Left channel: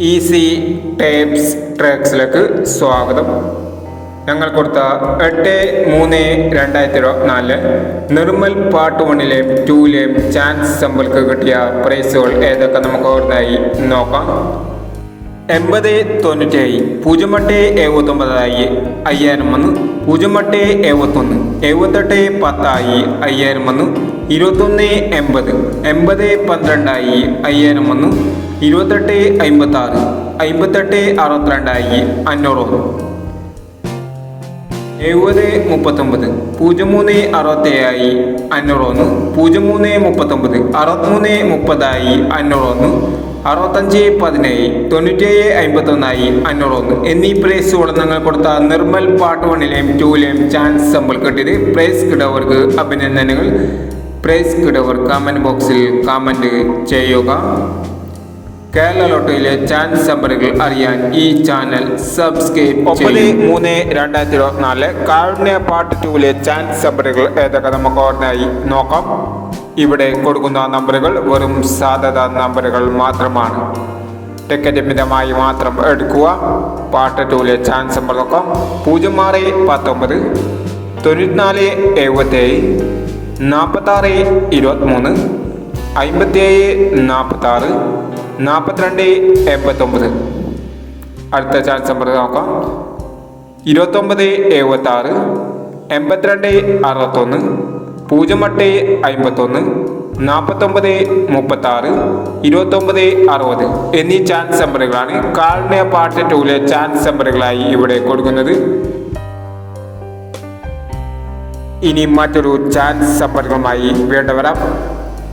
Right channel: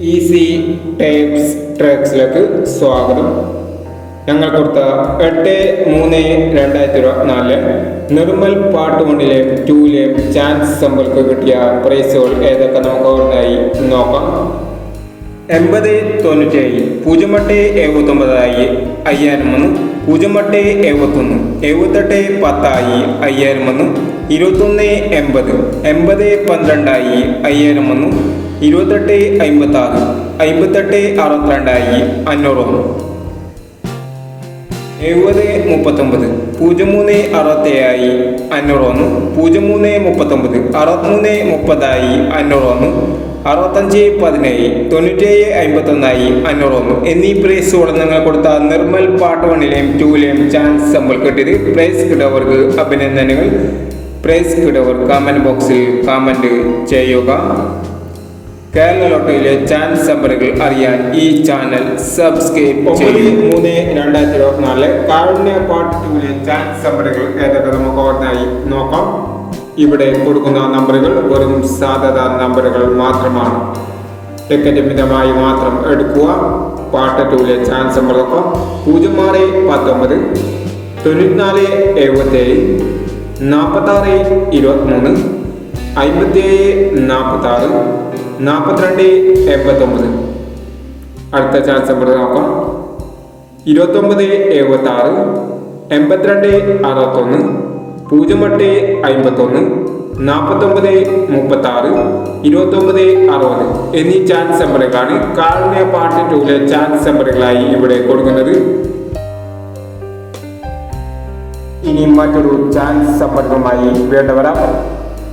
Easy tapes ട്രാക്സിലേക്ക് സ്വാഗതം. ഞങ്ങൾ കൊടുത്ത എട്ട് മൂന്ന് രണ്ടായിരത്തി ഇരുപത്തിനാലിൽ നിർമ്മൽ പാർട്ട് വണ്ണിലെയും ടൂവിലെയും ചാൻസ് സമ്പൽക്ക് കിട്ടിയ പ്രൈസുകൾ ഏതൊക്കെ നമുക്ക് ഓർമ്മയായി നോക്കാം. എൺപത് തൊണ്ണൂറ്റേഴ് പൂജ്യം എട്ട് എഴുപത്തൊമ്പതായി അയ്യായിരം വന്നു. പൂജ്യം എട്ട് എഴുപത്തൊന്ന് എഴുപത്തെട്ട് പത്തായി അയ്യായിരം വന്നു. ഇരുപത്തൊന്ന് എൺപത് എൺപത് പന്ത്രണ്ടായി അയ്യായിരം വന്നു. ഇരുപത്തെട്ട് അമ്പത്തി ആറ് അമ്പത്തെട്ട് അറുപത്തിരണ്ടായി അഞ്ഞൂറ് എഴുപത് മുപ്പത്തൊമ്പത് പൂജ്യം മൂന്ന് അറുപത്തേഴായി അഞ്ഞൂറ് ഒന്ന് പൂജ്യം മൂന്ന് മുപ്പത്തൊമ്പത് അറുപത്തിമൂന്ന് മുപ്പതായി അഞ്ഞൂറ് ഒന്ന് അറുപത്തഞ്ച് പതിനേഴ് തൊണ്ണൂറ്റേഴ് അമ്പത്തൊന്നായി അഞ്ഞൂറ് ഒന്ന് എന്നീ പ്രൈസ് ഉടനങ്ങൾ കൊടുത്ത നിർമ്മൽ പാട്ട് വണ്ണിലെയും ടൂവിലെയും ചാൻസ് നമ്മൾ കിട്ടിയത് പ്രൈസ് കിടവർക്ക് അഭിനന്ദനങ്ങൾ. പ്രൈസ് കിടവർ കമന്റ് ബോക്സിൽ കമന്റ് ചെയ്യുക. കേരള ലോട്ടറിയിലെ ചാൻസ് നമ്പറുകൾ അറിയാൻ ഈ ചാനൽ സബ്സ്ക്രൈബ് ഒമ്പത് മൂന്ന് രണ്ടായിരത്തി ഇരുപത്തിനാലിലെ കാരുണ്യ പാർട്ട് ടൂവിലെ ചാൻസ് നമ്പറുകൾ ഏതൊക്കെ നമുക്ക് ഓർഡറായി നോക്കാം. ഇവിടെ കൊടുക്കുന്ന നമ്പറുകൾ വെറും സാധ്യത നമ്പറുകൾ മാത്രമാണ്. ടിക്കറ്റ് മിതമായി മാത്രം എടുക്കുക. പാർട്ട് ടൂവിലെ ചാൻസ് നമ്പർ നോക്കാം പൂജ്യം ആറ് പത്തൊമ്പത് തൊണ്ണൂറ്റിനാല് എഴുപത്തേഴ് നാൽപ്പത്താറ് ഇരുപത്തിമൂന്ന് അമ്പത്തിയേഴ് നാൽപ്പത്താറ് നാൽപ്പത്തിരണ്ട് എൺപത്തൊമ്പത്. അടുത്ത ചാൻസ് നമ്പർ നോക്കാം ഇരുപത്തൊമ്പത് എഴുപത്തി ആറ് എൺപത്തിരണ്ട് അറുപത്തൊന്ന് പൂജ്യം എട്ട് അമ്പത്തൊന്ന് നാൽപ്പത്തൊമ്പത് മുപ്പത്തി ആറ് ഇരുപത്തൊമ്പത് അറുപത് എന്നീ ചാൻസ് നമ്പറുകളാണ് കാരുണ്യ പാർട്ട് ടൂലെ ചാൻസ് നമ്പറുകളായി ഇവിടെ കൊടുക്കുന്നത്. ഇനി മറ്റൊരു ചാൻസ് നമ്പറുകളുമായി വീണ്ടും വരാം.